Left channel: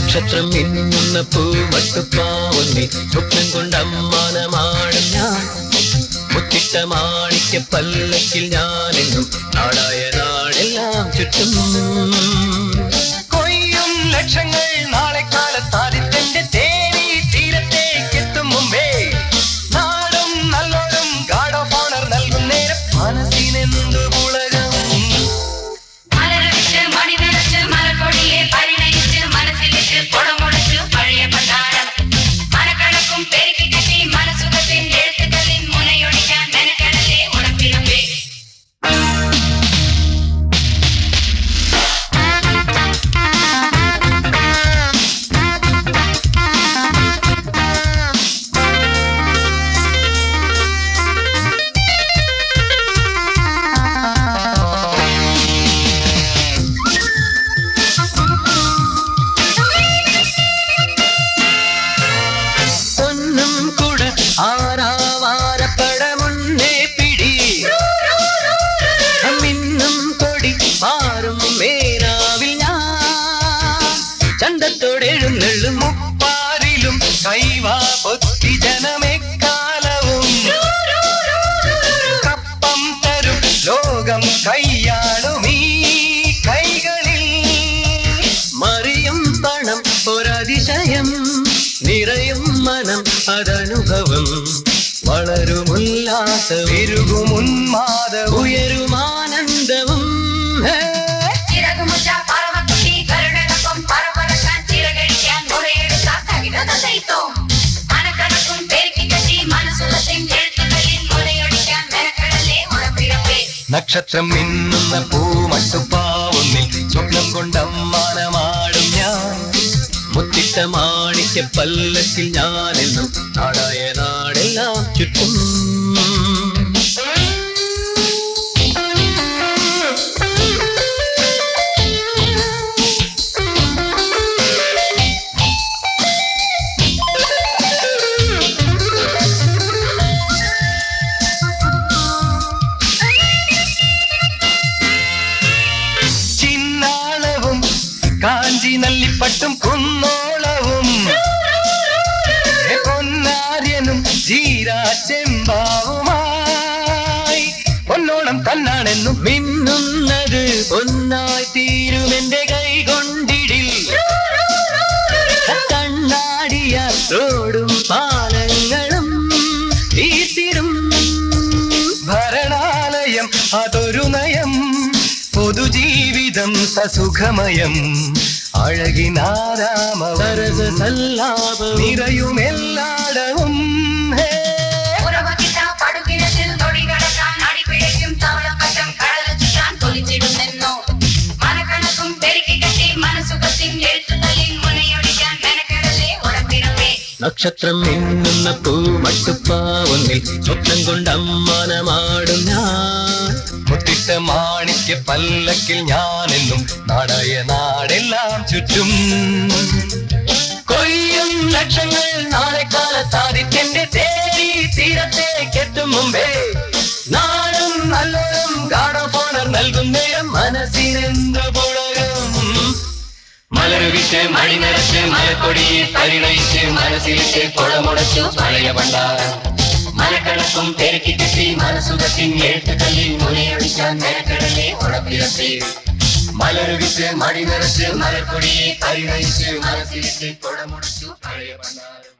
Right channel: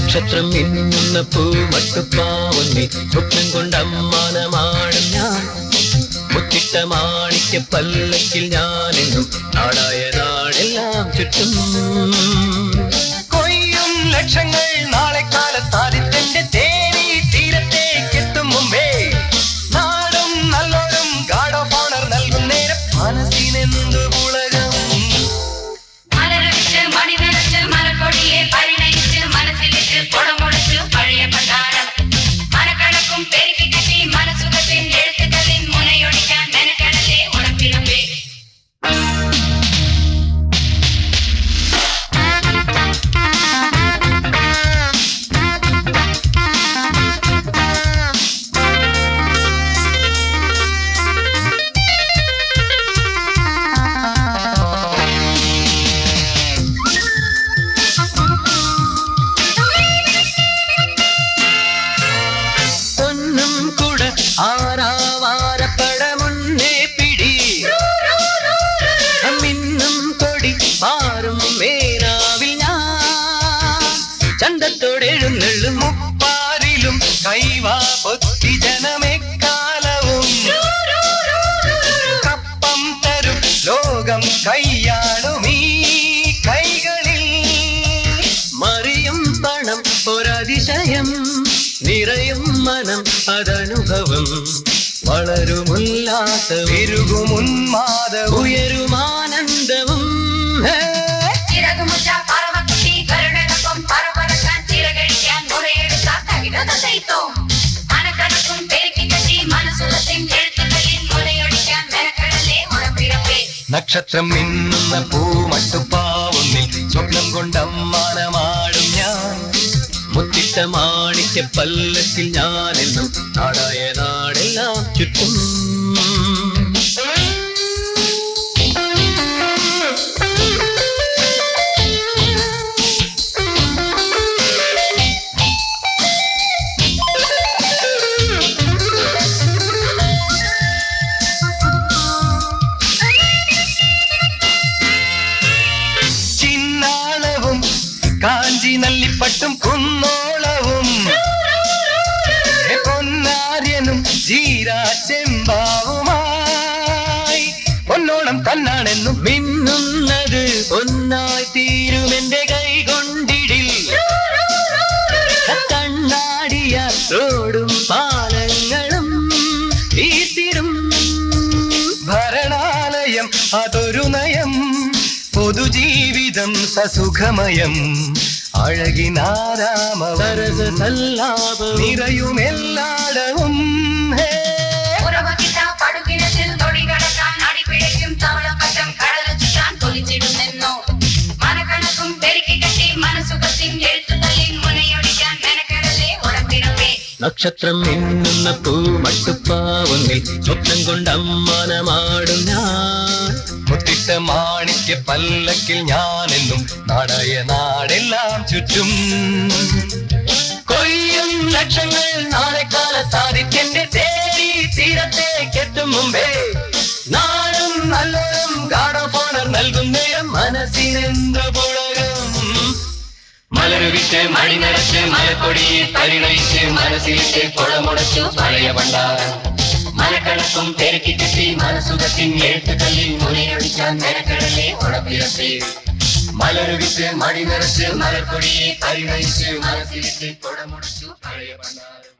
നക്ഷത്രം മിന്നുന്ന പൂമട്ടുപ്പാവുന്നി സ്വപ്നം കൊണ്ടമ്മാനമാണ് ഞാൻ. മുത്തിട്ട മാണിക്യ പല്ലക്കിൽ ഞാനെന്നും നാടായ നാടെല്ലാം ചുറ്റും. കൊയ്യും ലക്ഷങ്ങൾ നാളെ കാലത്താദിത്യന്റെ തേരി തീരത്തേക്കെത്തും മുമ്പേ നാടും നല്ലോരും ഗാഡ് ഓഫ് ഓണർ നൽകും നേരം മനസ്സിനെന്തു പുളകം. ആരാവാരപ്പടമുന്നേ പിടി മിന്നും കൊടി മാറും മേനാവിൽ ഞാൻ. ചന്തത്തോടെഴുന്നള്ളും മുപ്പാരിലും കൈവാ പൊത്തി ജനമെക്കാലവും കപ്പം തരും ലോകം കൈയാടും ഈ കൈകളിൽ. മറിയും പണം ഒരതിശയം നിറയും മനം അതനുഭവം. വളരുമുല്ലാസ വിരുകുമുന്മാദ ഉയരുമാനന്ദവും. നക്ഷത്രം മിന്നുന്ന പൂമട്ടുപ്പാവുന്നിൽ സ്വപ്നം കൊണ്ടമ്മാനമാടും ഞാൻ. മുത്തിട്ട മാണിക്യ പല്ലക്കിൽ ഞാനെന്നും നാടായ നാടെല്ലാം ചുറ്റും. ചിന്നാളവും കാഞ്ചി നല്ലിപ്പട്ടും കുന്നോളവും പൊന്നാര്യനും ചീരാച്ചെമ്പാവുമായി പൊന്നോളം തന്നാണെന്നും മിന്നുന്നത് പൊന്നായി തീരുമെന്റെ കൈ കൊണ്ടിടിൽ. കണ്ണാടിയ റോഡും പാലങ്ങളും തീർത്തിരും ഭരണാലയം അതൊരു നയം. പൊതുജീവിതം സസുഖമയം അഴകിനാരാമവരസല്ലാപ നിറയുമെല്ലാടവും. നക്ഷത്രം മിന്നുന്ന പൂമട്ടുപ്പാവുന്നിൽ സ്വപ്നം കൊണ്ടമ്മാനമാടും ഞാൻ. മുത്തിട്ട മാണിക്യ പല്ലക്കിൽ ഞാനെന്നും നാടായ നാടെല്ലാം ചുറ്റും. കൊയ്യും ലക്ഷങ്ങൾ നാളെ കാലത്താദിത്യന്റെ തേരി തീരത്തേക്കെത്തും മുമ്പേ നാടും നല്ലോരും ഗാഡ് ഓഫ് ഓണർ നൽകും നേരം മനസ്സിനെന്തു പുളകം. മലർവിച്ച് മണിനിറച്ച് മലക്കൊടി പരിണയിച്ച് മനസ്സിലിച്ച് കുളമുടച്ചു പഴയ ഭണ്ഡാരം. മനക്കണക്കും പെരുക്കി ചുറ്റി മനസുഖത്തിൻ എഴുത്തുകളിൽ മുറിയൊഴിക്കാൻ മെനക്കടലെ ഉടപ്പിരത്തെ. മലർവിച്ച് മണിനിറച്ച് മലക്കൊടി പരിണയിച്ച് മനസ്സിലിച്ച് കുളമുടച്ചു പഴയ ഭണ്ഡാരം.